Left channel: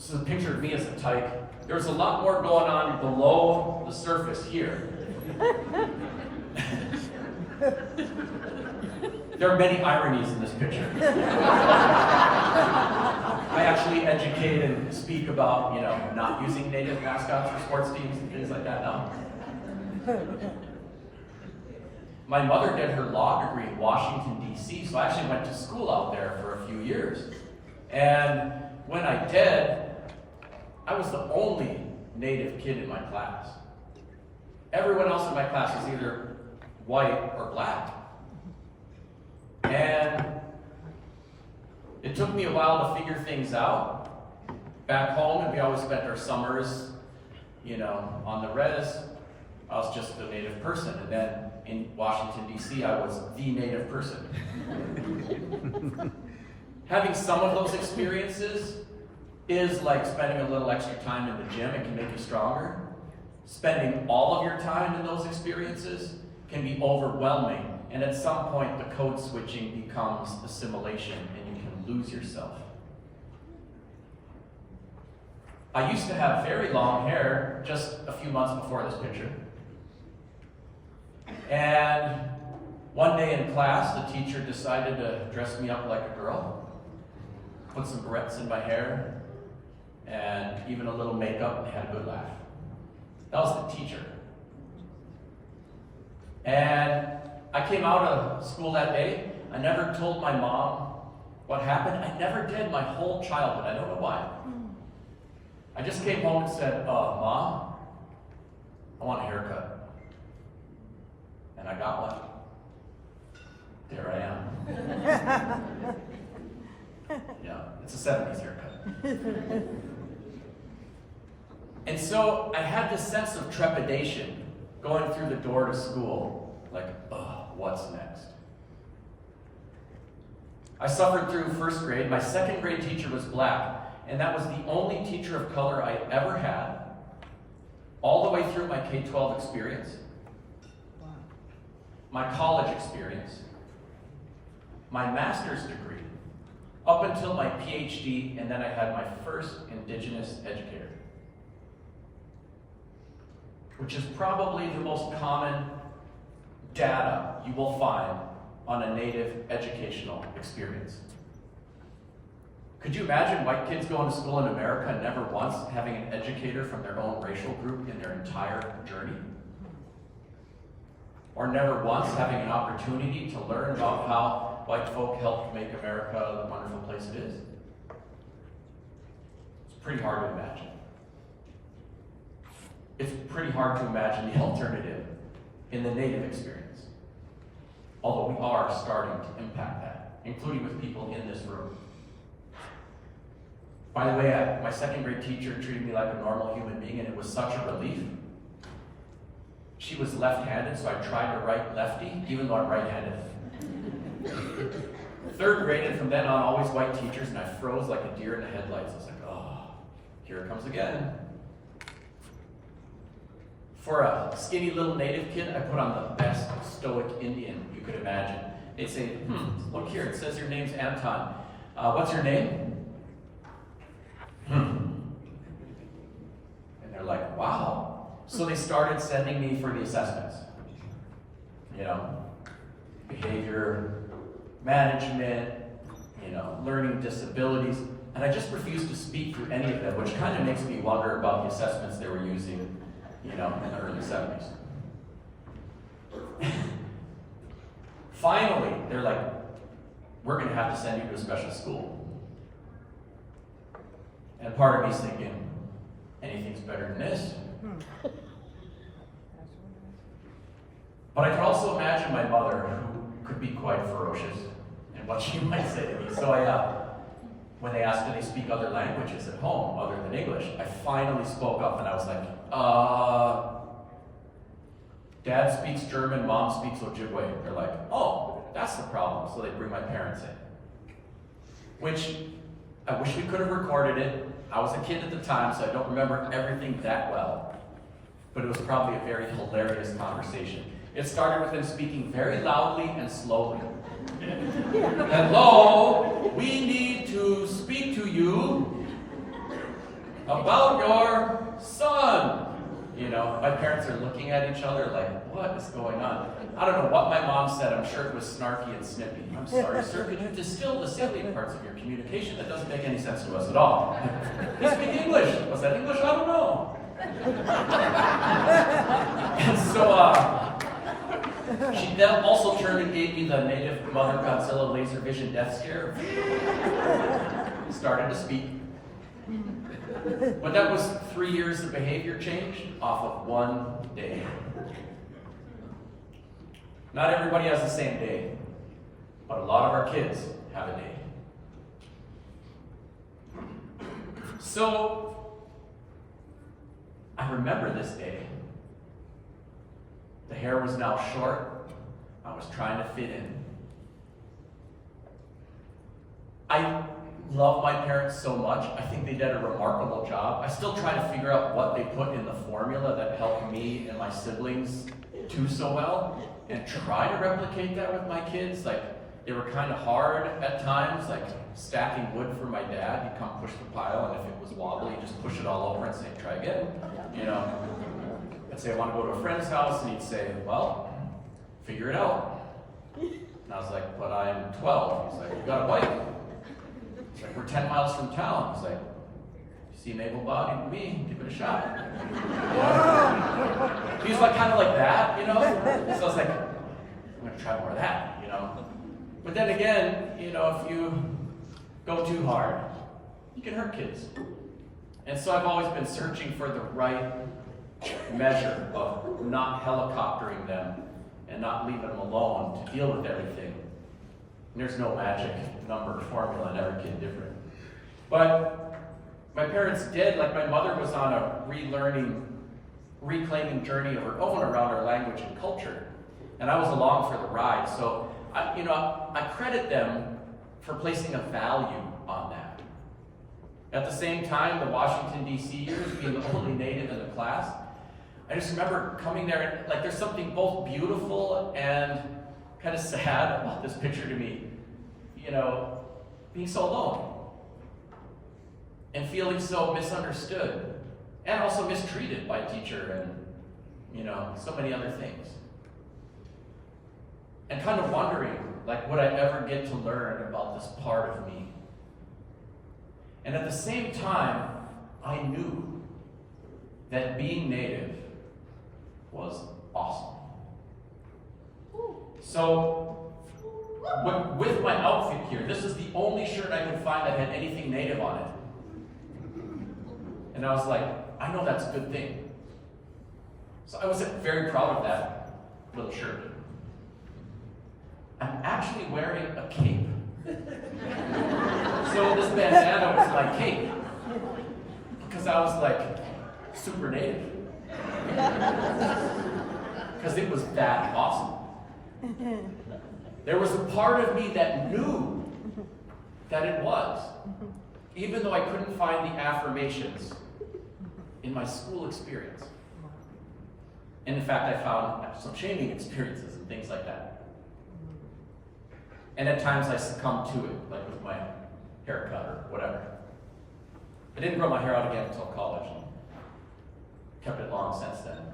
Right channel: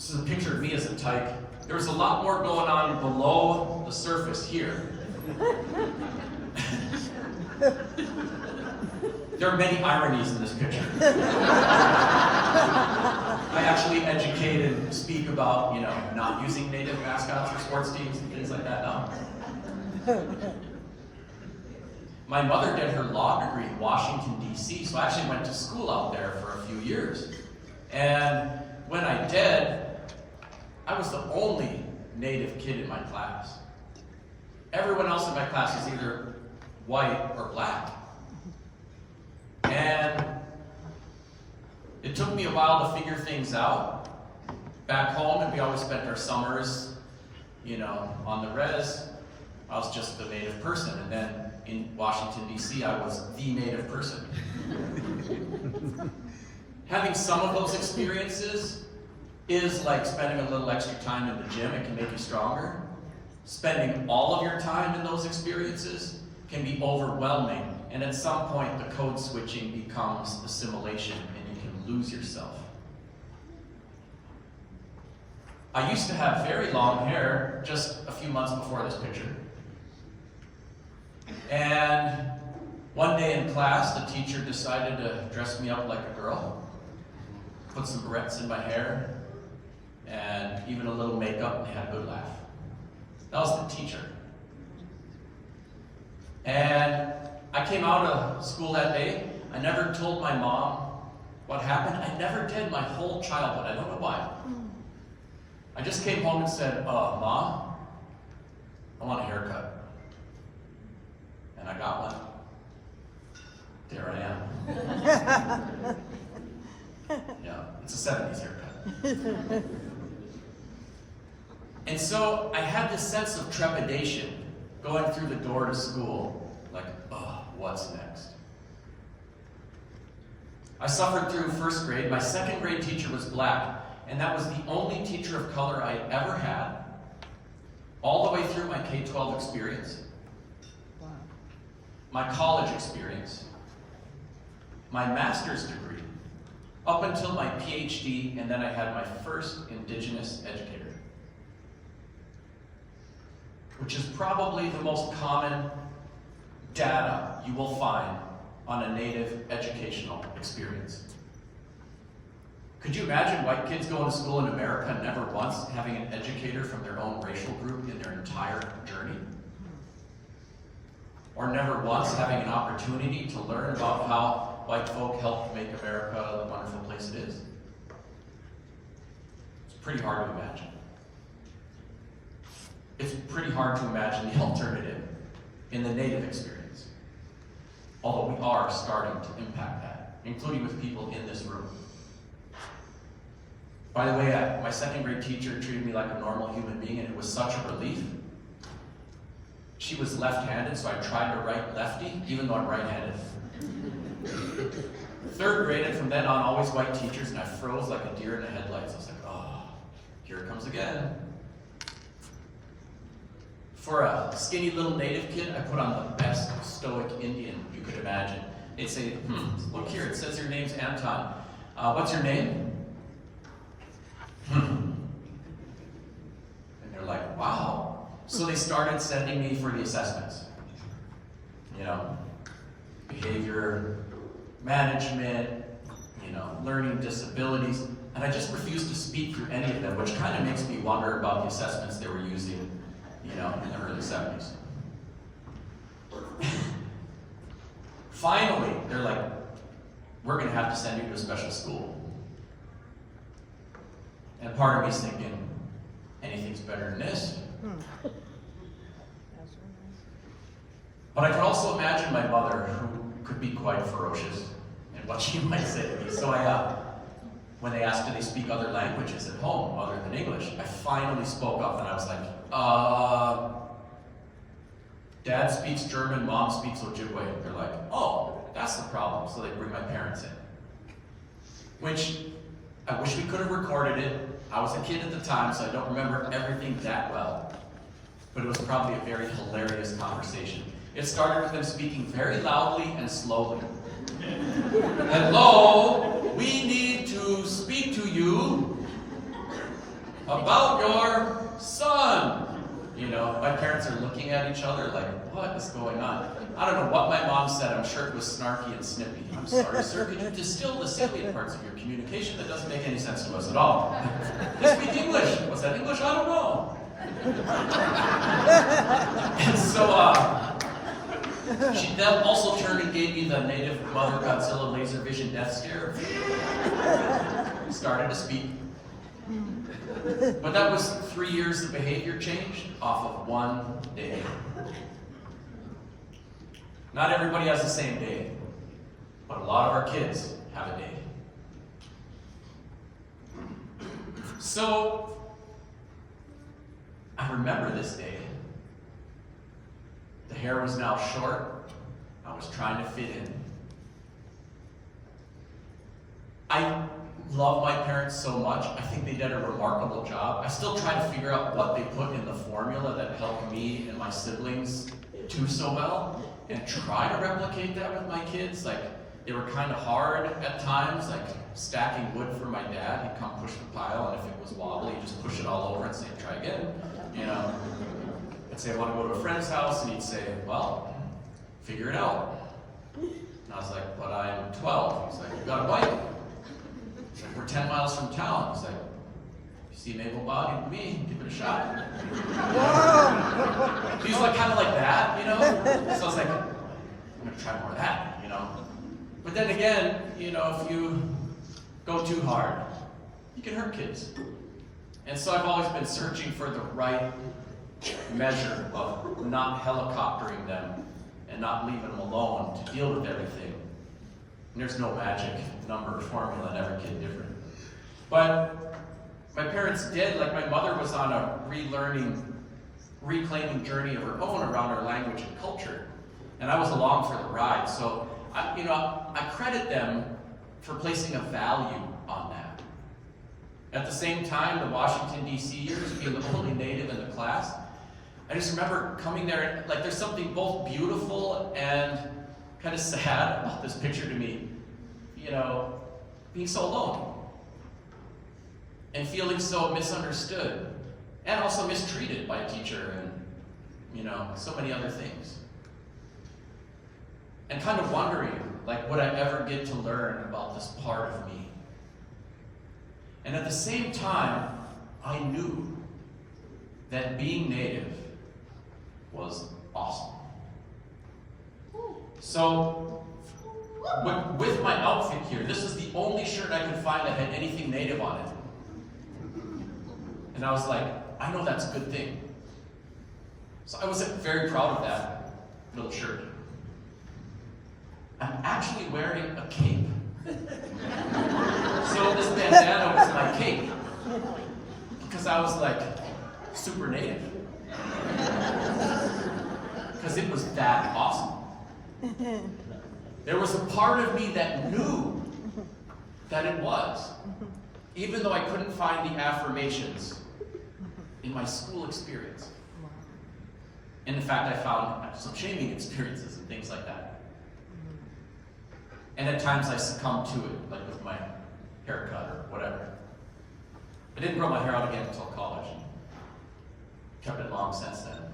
This is a picture of me as a tyke. There's a lot more going on below the surface here. There are many ironies in this picture. I actually educate and speak about, not using native mascots for sports teams and things like that now. My mother did her law degree in Washington, D.C., so I actually went to school out there for a few years. And when I did, I was the only native kid in my class. Everyone else in my class was either white or black. And it took me a while to figure things out. Back home, and we always spent our summers, on the res. I was just a native person. And then in Washington, D.C., I was the native person. Having some of those experiences is like spending a little extra time in the gym. It can make you stronger. Spending all of your time in those experiences can be overwhelming. And at some point, the code switching becomes assimilation, and you can lose yourself. I used to have very long hair just a few months before this picture. And one day in class, the teacher decided to dress me up like a girl, put some barrettes in my hair, and even a little makeup, and had a good laugh. That was the teacher. And I came out of school that day. I never told my mom what happened. I never did my whole childhood. I don't know why. I just came home and said, Mom, I want a haircut. And I got one. There I am. Yeah, it's a 70s haircut. And so I had this sense of trepidation going through the door to school, like, what's next? I suffered through first grade. My second grade teacher was black, and that was the only teacher of color I ever had, all the way through my K-12 experience, my college experience, my master's degree, up until my PhD, and then I had my first Indigenous educator, which is probably the most common data you will find on a Native educational experience. Could you imagine white kids going to school in America never once having an educator from their own racial group in their entire journey? Or never once having an opportunity to learn about how white folk helped make America the wonderful place it is? It's pretty hard to imagine. It's pretty hard to imagine the alternative in the Native experience. Although we are starting to impact that, including with people in this room. By the way, my second grade teacher treated me like a normal human being, and it was such a relief. She was left-handed, so I tried to write lefty, even though I'm right-handed. Third grade, and from then on, always white teachers, and I froze like a deer in the headlights. I was like, here it comes again. For a skinny little Native kid, I put on the best stoic Indian you could imagine. They'd say, look here, it says your name's Anton. What's your name? And they're like, wow. So they started sending me for the assessments. Behavior management, learning disabilities. And I just refused to speak through any of them, which kind of makes me wonder about the assessments they were using, in the early 70s. Finally, they're like, we're going to have to send you to a special school. And part of me's thinking, anything's better than this. But I can also imagine my mother, who could be quite ferocious, and what she might say to me. So when they asked, do they speak other languages at home other than English, I finally spoke up and I was like, Dad speaks German, Mom speaks Ojibwe. They're like, oh, that's the problem. So they bring my parents in. Which, I wish we could have recorded it. I was a kid at the time, so I don't remember everything that well. But it was probably a very hilarious conversation. It started with them speaking very loudly and slowly. Hello, we need to speak to you. about your son. You know, my parents are looking at each other like, what is going on? I don't know what my mom said. I'm sure it was snarky and snippy. I'm sorry, sir, could you distill the salient parts of your communication? That doesn't make any sense to us at all. They speak English. Was that English? I don't know. And so, she then also turned and gave me the native Mother Godzilla laser vision death stare. Started to speak. But that was 3 years of behavior change off of one day. Not everybody has the same day, but a lot of our kids have a day. So, I remember this day. The hair was now short. I was trying to fit in. I love my parents so much. I think they did a remarkable job. I still try to figure out what they put in the formula that helped me and my siblings do so well, and try to replicate that with my kids. Like, they were kind of hard at times, like stacking wood for my dad. He'd come push the pile, and if it was wobbly, he'd just push it all over and say, try again, you know. I'd say, I want to go to a friend's house, and he'd say, well, figure it out. And I was like, but I am 12. He's like, you got a bike? He's like, we're 10 miles from town. He's like, you seem able-bodied to me, give it a shot. He was like, kind of like that, you know? So I was like, I'm going to try more of that, you know? But then again, you know, if you go too hard, you can hurt kids. And so I've always been searching for the right measure of not helicoptering them and not leaving them alone to deal with everything. And there's no magic number or formula, and every kid different. But my parents did, like my mother was on a reclaiming journey of her own around her language and culture. And I was along for the ride. So, I credit them for placing a value on that. At the same time, the Washington, D.C. years, being the only native in the class, I just remember coming there, like there's something both beautiful and kind of sad about this picture to me. You know, being so alone and feeling so misunderstood and also mistreated by a teacher and, you know, so many other things. And kind of wondering, like, would I ever get to learn about this part of me? And at the same time, I knew that being native was awesome. So, with my outfit here, this is the only shirt I could find that had anything native on it. And I was like, I know that's a good thing. So I was very proud of that little shirt. I'm actually wearing a cape. So this bandana was my cape. Because I was like, super native. Because it was that awesome. There was a part of me that knew that it was, even though I couldn't find the affirmations in my school experience. And in fact, I found some shaming experiences and things like that. And at times I succumbed to it, like with my haircut or whatever. I didn't grow my hair out again until college. Kept it long since then.